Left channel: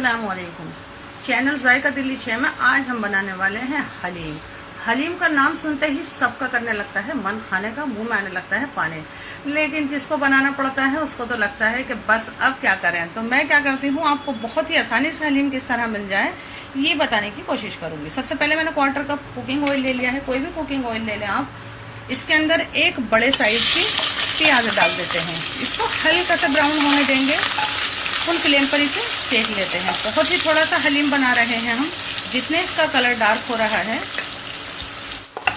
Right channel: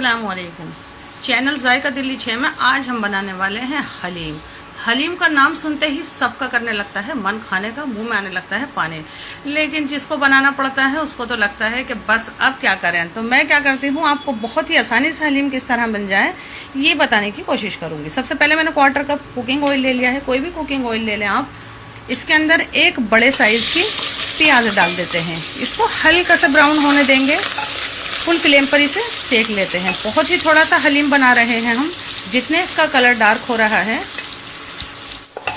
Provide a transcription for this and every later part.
अस्सलाम वालेकुम। चैनल जायका दिल्ली 6 में आज हम बनाने वाले हैं हलीम। हलीम का नाम सुनते ही सबका करने लगता है मन खाने का, मुंह में आने लगता है पानी। लेकिन जिसको बनाना पड़ता है उसको तो लगता है कि बस अब क्या करें। तो मैं क्या करती हूँ, आपको बहुत ही आसानी से हलीम किस तरह बन जाए ये बताने की कोशिश करूंगी। सबसे पहले मैंने 1/4 कप कुकिंग ऑयल ले लिया है। कोई भी कुकिंग ऑयल ले लें आप। इसके अंदर एक बड़े साइज की प्याज डाल देते हैं। इसको हल्का सा ब्राउन होने देंगे। फुल फ्लेम पर इसे सेक लेते हैं। बहुत ही थोड़ा सा हलीम बना रहे हैं हम। जितने इसका कलर डार्क हो रहा है,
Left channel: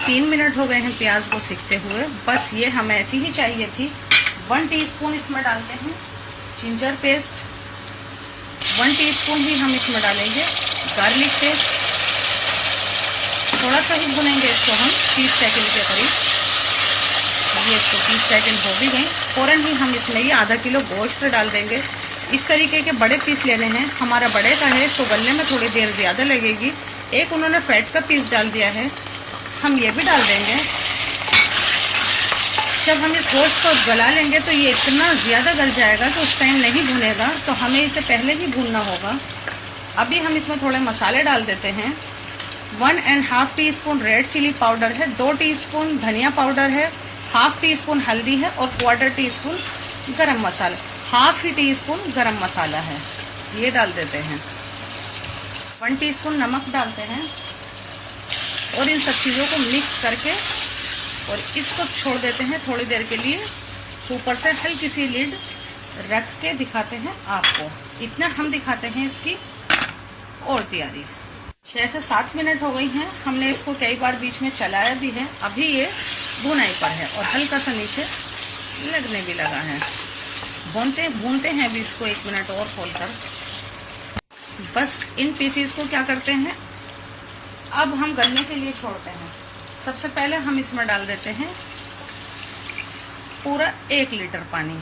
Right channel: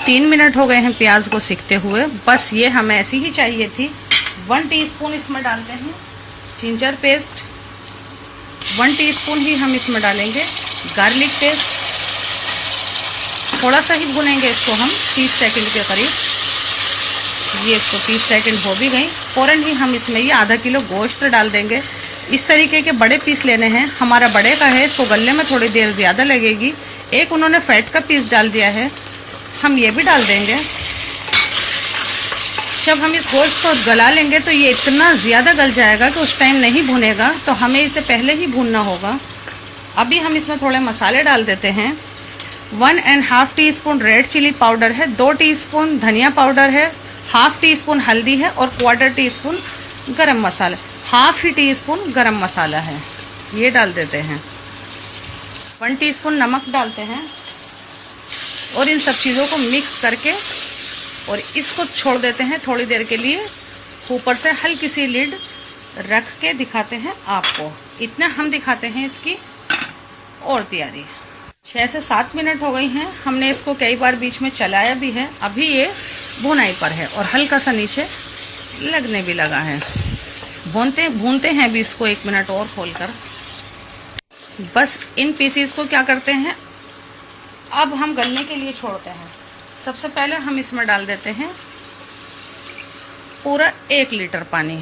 3 मिनट हो गए हैं प्याज को सेकते हुए। बस ये हमें ऐसी ही चाहिए थी। 1 टीस्पून इसमें डालते हैं जिंजर पेस्ट। 1 टीस्पून ही हम इसमें डालेंगे गार्लिक पेस्ट। थोड़ा सा ही भुनेंगे इसको हम 30 सेकंड के करीब। ये इसको 30 सेकंड हो भी गई। फौरन ही हम इसमें ये आधा किलो गोश्त डाल देंगे। इस तरीके के बड़े पीस लेने हैं। हमारा बड़े का है तो गलने में थोड़ी देर ज़्यादा लगेगी। एक उन्होंने फैट का पीस डाल दिया है, हम ये भी डाल देंगे। जब हम इस गोश्त को गला लेंगे तो ये इतना ज़्यादा गल जाएगा कि उस टाइम नहीं भुनेगा, तो हमें इसे पहले ही भूनना होगा। अभी हम इसमें थोड़े मसाले डाल देते हैं। 1.5 टीस्पून रेड चिली पाउडर है, 2 टीस्पून धनिया पाउडर है, 1/2 टीस्पून हल्दी है और 1/4 टीस्पून गरम मसाला, 1/2 टीस्पून गरम मसाला है, ये डाल देते हैं। 1 टीस्पून नमक डालते हैं और इन सब चीज़ों को मिक्स करके और इसको छोड़ देते हैं थोड़ी देर के लिए। ऊपर से हल्की सी लिड रख के दिखाते हैं आपको। इतना हम दिखाते हैं इसकी और तैयारी। 6 से 7 मिनट हो गई हैं। हमने इसको कई बार बीच में चलाया भी है। अभी ये भुनाई पर है और हल्का सा नीचे लगने भी लगा है। भूनते हैं अभी इसको 1 मिनट और खोलकर। बस इन पीसीस को क्या करते हैं, अब हम गलने के लिए छोड़ते हैं। सबसे पहले हम इसमें डाल देते हैं पूरा 1 लीटर पानी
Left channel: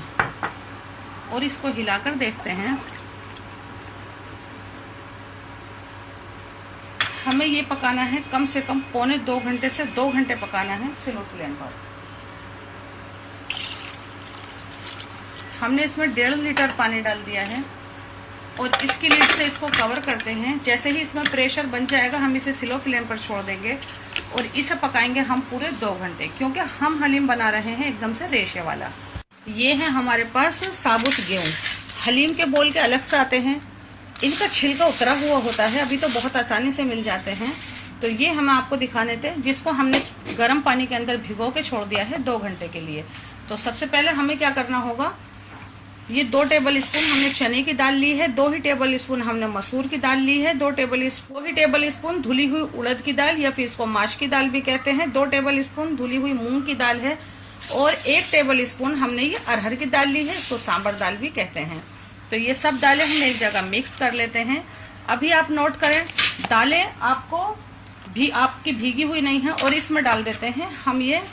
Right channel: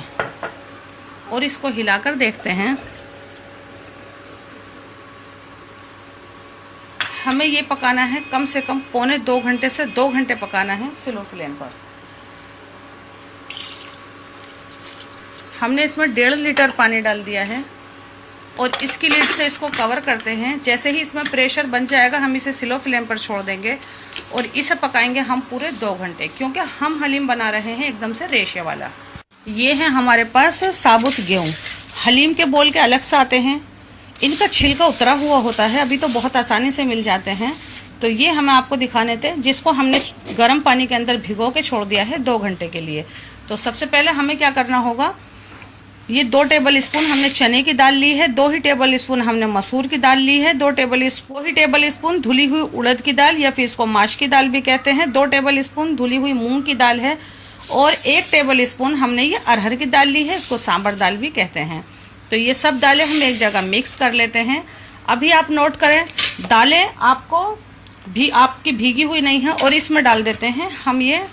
और इसको हिलाकर देखते हैं। हमें ये पकाना है कम से कम 1.25 घंटे से 2 घंटे पकाना है स्लो फ्लेम पर। हमने इसमें 1.5 लीटर पानी डाल दिया है और इसकी लिड से इसको कवर करते हैं। जैसे ही इसमें प्रेशर बन जाएगा हम इसे स्लो फ्लेम पर छोड़ देंगे और इसे पकाएंगे हम पूरे 2 घंटे, क्योंकि हम हलीम बना रहे हैं एकदम से रेशे वाला। ये है हमारे पास साबुत गेहूँ। हलीम के बोल के अलग से आते हैं, इनका छिलका उतरा हुआ होता है। अभी तो बहुत आसानी से मिल जाते हैं। तो ये हमें आपको दिखाने थे, जिसको हमने गर्म पानी के अंदर भिगो के छोड़ दिया है 2 घंटे के लिए। तो सबसे पहले हमें क्या करना होगा, ये 2 टेबल स्पून हमने चने की दाल ली है, 2 ही टेबल स्पून हमने मसूर की दाल ली है, 2 टेबल स्पून धुली हुई उड़द की दाल या फिर इसको माश की दाल भी कहते हैं, 2 टेबल स्पून धुली हुई मूंग की दाल है और 1 टेबल स्पून हमने ये अरहर की दाल ली है, इसको सांबर दाल भी कहते हैं। तो ये सब दालें हम एक जगह मिक्स कर लेते हैं। अभी आप नोट करें, दालें आपकी भीगी हुई नहीं है। और इसमें डाल देते हैं हम ये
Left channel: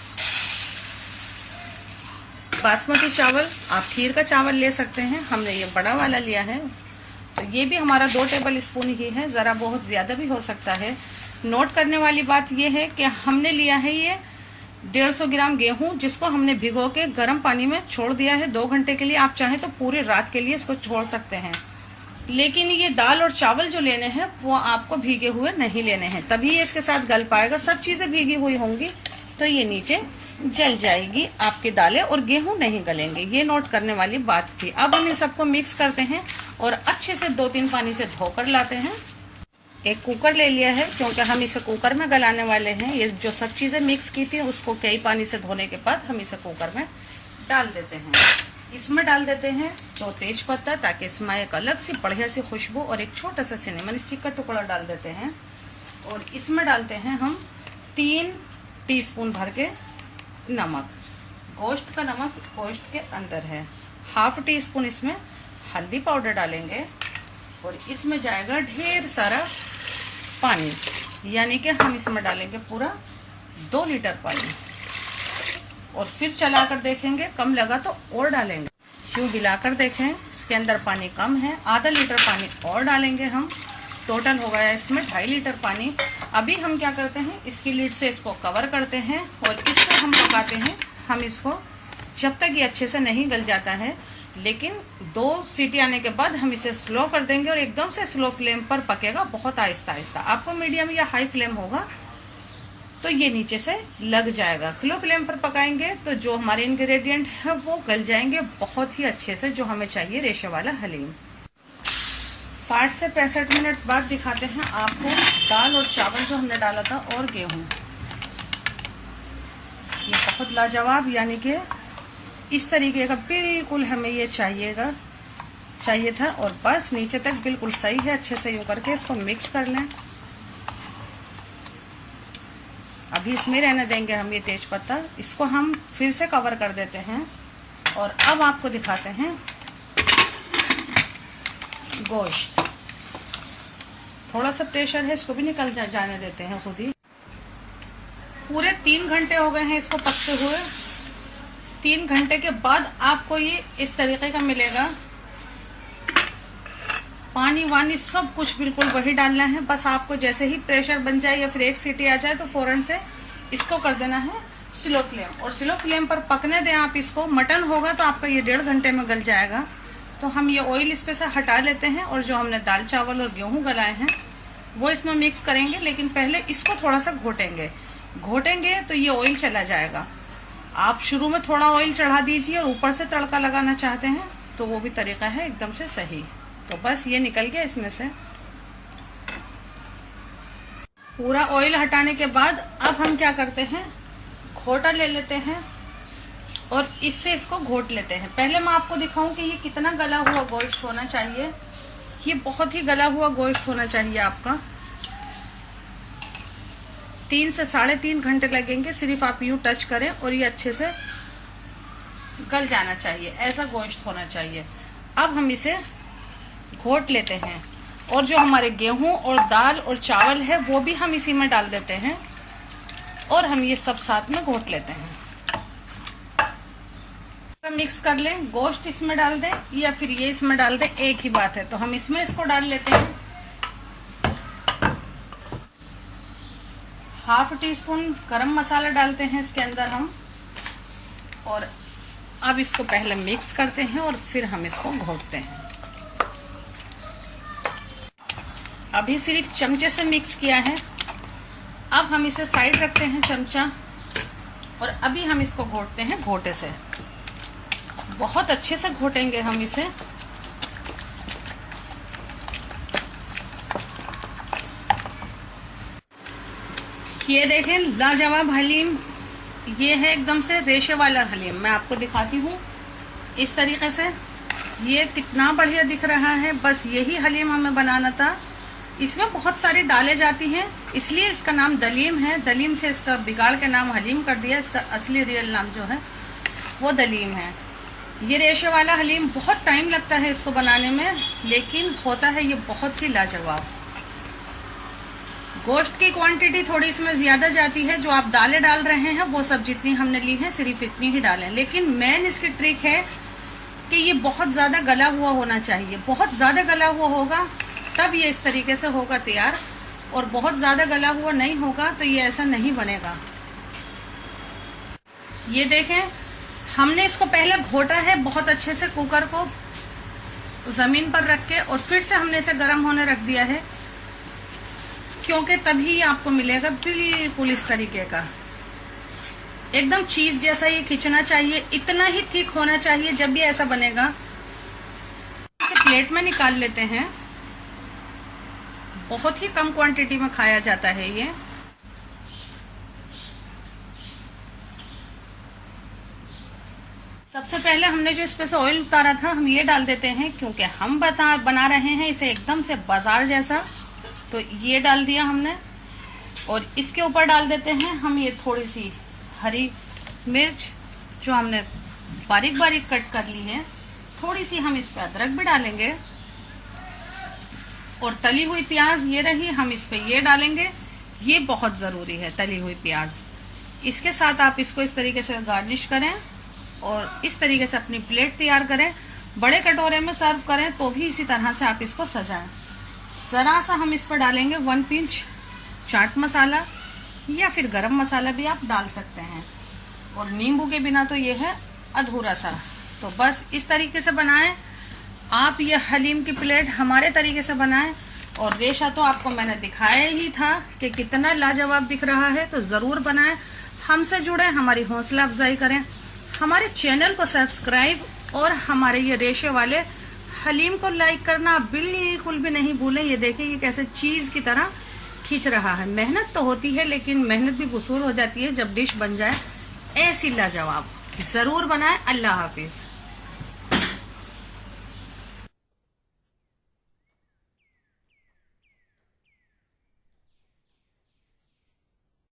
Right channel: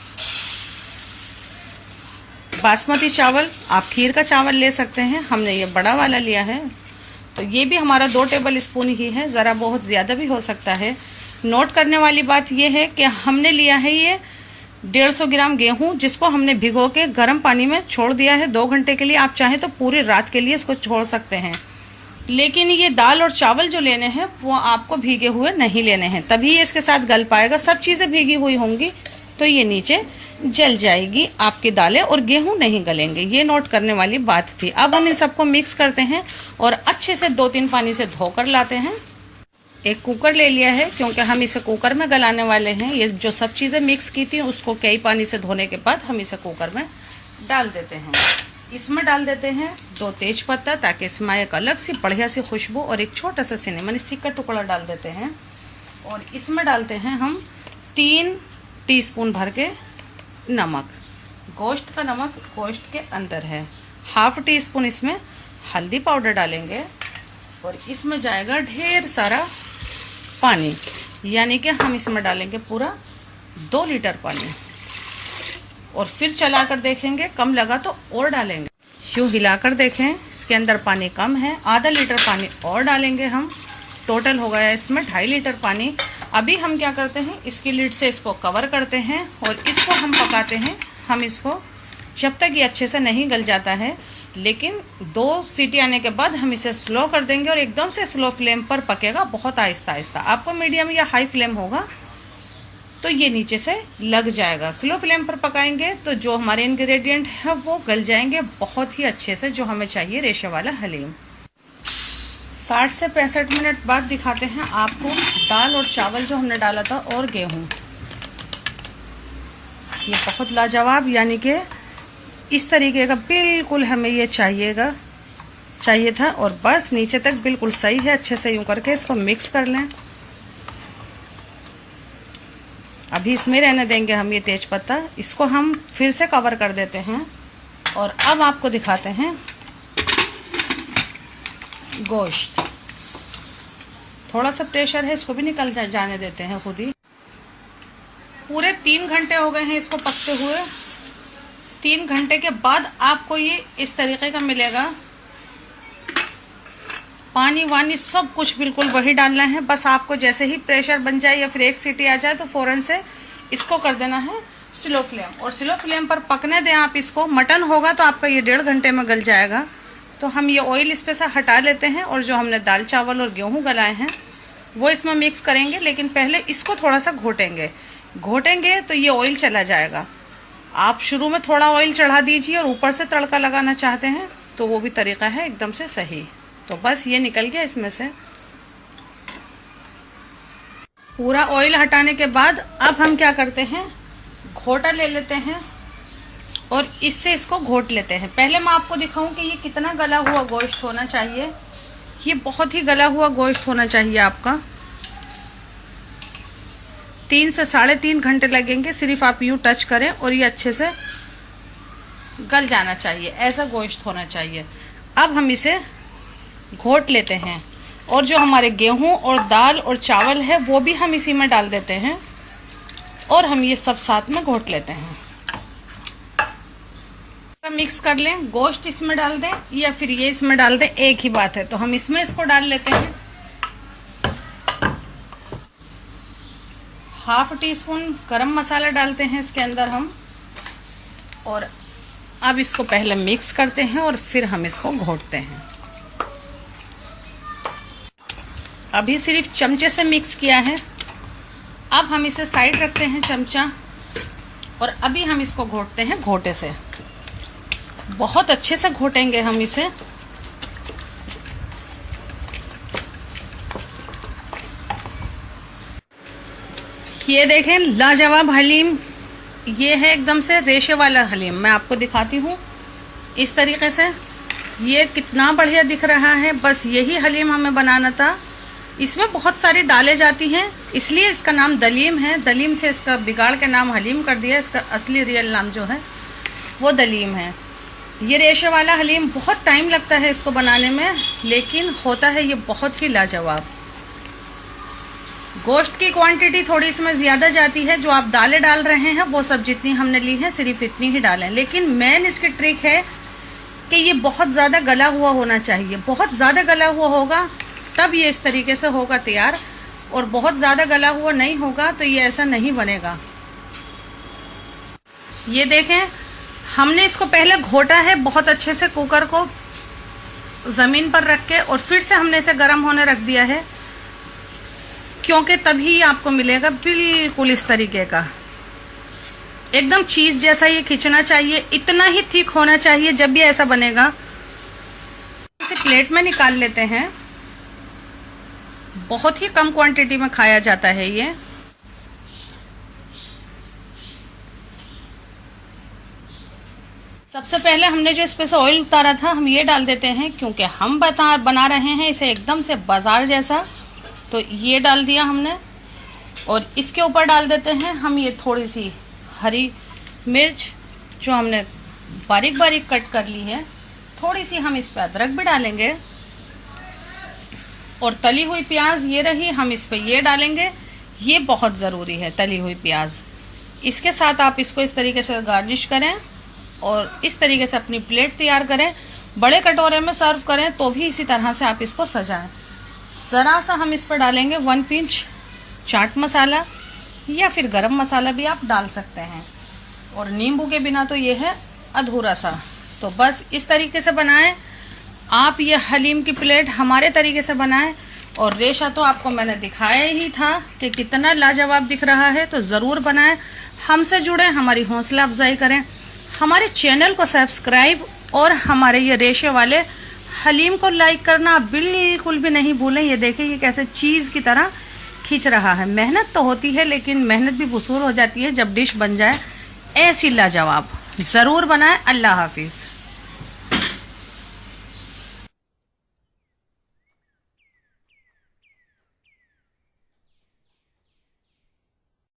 बासमती चावल। आप खीर का चावल ले सकते हैं, हमने ये बड़ा वाला लिया है। तो ये भी हमारा 2 टेबल स्पून ही है, ज़रा बहुत ज़्यादा भी हो सकता है। नोट करने वाली बात ये है कि हमने लिया है ये 150 ग्राम गेहूं, जिसको हमने भिगो के गर्म पानी में छोड़ दिया है 2 घंटे के लिए। आप चाहें तो पूरी रात के लिए इसको छोड़ सकते हैं, लेकिन ये दाल और चावल जो लेने हैं वो आपको भीगे हुए नहीं लेने हैं, तभी ये इसके साथ गल पाएगा। सब चीज़ें भीगी हुई होंगी तो ये नीचे जल जाएगी आपकी दालें और गेहूं नहीं गलेंगे। ये नोट करने वाली बात थी। अब हम इन सबको मिक्स करते हैं और अच्छे से 2-3 पानी से धोकर लाते हैं। एक कुकर ले लिया है, क्योंकि हम इसे कुकर में गलाने वाले हैं। ये जो सब चीज़ें मिक्स की थी उसको कई पानी से धोने के बाद हम इसे कुकर में डाल देते हैं। इसमें डाल देते हैं 2 तेज पत्ता, ताकि इसमें एक अलग सी बढ़िया सी खुशबू, और एक छोटा सा सिनेमन स्टिक का टुकड़ा डाल देते हैं। और इसमें डालते हैं हम 3 टीस्पून भर के नमक। गोश्त का नमक गोश्त के अंदर है। 1/2 टीस्पून इसमें हल्दी पाउडर डालेंगे और इसमें जाएगा ढेर सारा पानी, यानी कि हम इसमें डालेंगे पूरा 2 लीटर पानी। और फिर चलाकर देखेंगे, कम लगा तो और डालेंगे। यूं हिलाकर देखें, इसके अंदर पानी कम है, आधा लीटर पानी और डालेंगे हम। टोटल हो गया इसमें 2.5 लीटर पानी। अभी हम क्या करते हैं, इसकी लिड से इसको कवर करते हैं और इसको हम पकाते हैं। हम इसको जब तक ये अच्छे से नहीं गल जाता है। लेकिन 2 सीटी आने के बाद हम इसे स्लो कर देंगे और एकदम से स्लो फ्लेम पर पकेगा, बहुत आहिस्ता आहिस्ता। आपको मीडियम या हाई फ्लेम होगा तो ये नीचे से लग जाएगा। स्लो फ्लेम पर पकाएंगे तो जो हमारे इंग्रेडिएंट है वो गल जाएंगे बहुत ही अच्छे से, जो हमें चाहिए रेशे वाला हलीम। 60 से 65 मिनट बाद दिखाते हैं आपको दाल और चावल जो हमने डाला था और गेहूं। ये बहुत लाजवाब, यानी कि इस तरीके का बिल्कुल हमें ये चाहिए था। और बस नीचे तक बिल्कुल सही है। अच्छे से यूं करके इसको मिक्स कर लें। अभी इसमें रहने देंगे हम ये तेज पत्ता। इसको हम फिर से कवर कर देते हैं और अब आपको दिखाते हैं गोश्त। थोड़ा सा प्रेशर है, इसको भी निकल जाने देते हैं खुद ही। पूरे 3 घंटे हो गए हैं इसको पकते हुए। 3 घंटे के बाद आपको ये इस तरीके का मिलेगा। पानी वानी सब कुछ बिल्कुल वही डालना है। बस आपको जैसे ही प्रेशर बन जाए या फिर 1 सीटी आ जाए तो फौरन से इसको कर देना है स्लो फ्लेम, और स्लो फ्लेम पर पकने दें आप इसको। मटन होगा तो आपका ये 1.5 घंटे में गल जाएगा। तो हम ये ऑयल इस पे से हटा लेते हैं और जो हमने दाल चावल और गेहूं गलाए हैं वो इसमें मिक्स करेंगे। लेकिन पहले इसको थोड़ा सा घोटेंगे तो ये ऑयल चला जाएगा। आप शुरू में थोड़ा ऑयल चढ़ा दीजिए और ऊपर से तड़का लगाना चाहते हैं तो वो भी तरीका है एकदम से सही। तो बस ये निकल गया इसमें से। पूरा ऑयल हटाने के बाद अब हम क्या करते हैं, घोटा ले लेते हैं और इससे इसको घोट लेते हैं। पहले मैं आपको दिखाऊं कि ये कितना गला हुआ गोश्त होना चाहिए। ये बहुत ही गला हुआ गोश्त होना चाहिए आपका। 3 से 3.5 घंटे लगेंगे, सिर्फ आप यूं टच करें और ये अच्छे से गल जाना चाहिए। ऐसा गोश्त होना चाहिए। अब हम इसे घोट लेते हैं और जो हमारे गेहूं और दाल और चावल है वो भी हम इसी में डाल देते हैं और हम ये सब साथ में घोट लेते हैं। मिक्स कर लें, गोश्त इसमें डाल दें या फिर ये इसमें डाल दें, एक ही बात है। तो हम इसमें इसको डाल लेते हैं। 1/2 टीस्पून गरम मसाला डालते हैं इसके अंदर हम, और अब इसको पहले मिक्स करते हैं और फिर हम इसको घोटते हैं। अभी सिर्फ चमचे से मिक्स किया है। अब हम इसे साइड रखते हैं चमचा, और अभी हम इसको घोटते हैं घोटे से। बहुत अच्छे से घोटेंगे हम इसे। ये देखें लाजवाब हलीम, ये है एकदम से रेशे वाला हलीम। मैं आपको दिखाती हूँ इस तरीके से। ये कितना बढ़िया दिख रहा है। बस यही हलीम हमें बनाना था। इसमें बहुत सारी दालें जाती हैं, इसलिए इसका नाम दलीम है। दलीम से इसका बिगाड़ के नाम हलीम कर दिया। इसका असली रियल नाम जो है वो दलीम है। ये रेशे वाला हलीम बहुत टाइम लगता है इसको बनाने में, लेकिन होता है ये बहुत ही लाजवाब। गोश्त की क्वांटिटी थोड़ी इसमें ज्यादा जाती है। जो आप दालें डाल रहे हैं वो सब जितनी हमने ली है सिर्फ इतनी ही डालें। लेकिन मेन इसकी ट्रिक है कि ये बहुत ज्यादा गला हुआ होना चाहिए। बहुत ज्यादा गला हुआ होगा तब ये इस तरीके से होगा तैयार, और बहुत ज्यादा गला हुआ नहीं होगा तो ये ऐसा नहीं बनेगा। ये देखें, हमने इसको पहले घोटा है बहुत अच्छे से कुकर को जमीन पर रख के, और फिर से हमने इसे गर्म होने रख दिया है, क्योंकि तभी आपको मिलेगा बिल्कुल इस तरीके का एकदम चीज जैसा ये खिंचना चाहिए। इतना ही थिक होना चाहिए जब ये ऐसा बनेगा। इसे प्लेट में निकाल लेते हैं। बहुत ही कम क्वांटिटी में खाया जाता है ये। सबसे पहले हमने जो इस पे से ऑयल उतारा था हम ये डाल देते हैं, क्योंकि हम बना रहे हैं इसे एकदम से बाजार जैसा। तो ये डाल दिया हमने, और इसके ऊपर डाल देते हैं हम ये थोड़ी सी हरी मिर्च जो हमने बारीक बारीक कट कर ली है। थोड़ी सी हम इस पे अदरक भी डालेंगे, और तली हुई प्याज ये रही, हम इस पे ये डालेंगे। ये बहुत जरूरी है, तली हुई प्याज। इसके साथ आप इसको इस तरीके से गार्निश करें और इस तरीके से अपनी प्लेट तैयार करें। बड़े कटोरे में सर्व करें तो भी इसी तरह से आप इसको सजाएं। जरा सा हम इस पर डालेंगे 1 पिंच चाट मसाला, या फिर गरम मसाला भी आप डाल सकते हैं। और नींबू के बिना तो ये है अधूरा सा। तो बस इस तरीके से बनाएं आप ये हलीम की प्लेट, हमारे तरीके से बनाएं। और रेशा तो आपको मैंने दिखाया ही था कि कितना लाजवाब दिख रहा है, तो ज़रूर बनाएं। हमसे जुड़े, हमारी हौसला अफजाई करें, हमारे चैनल को सब्सक्राइब और हमारे ये रेशे वाले हलीम को लाइक करना बिल्कुल भी नहीं भूलें। ये देखिए ये कैसे चीज़ की तरह खींच रहा है। मेहनत तो होती है, लेकिन मेहनत भी वसूल हो जाती है जब डिश बन जाए ऐसी लाजवाब। ज़रूर बनाएं। अल्लाह हाफिज़।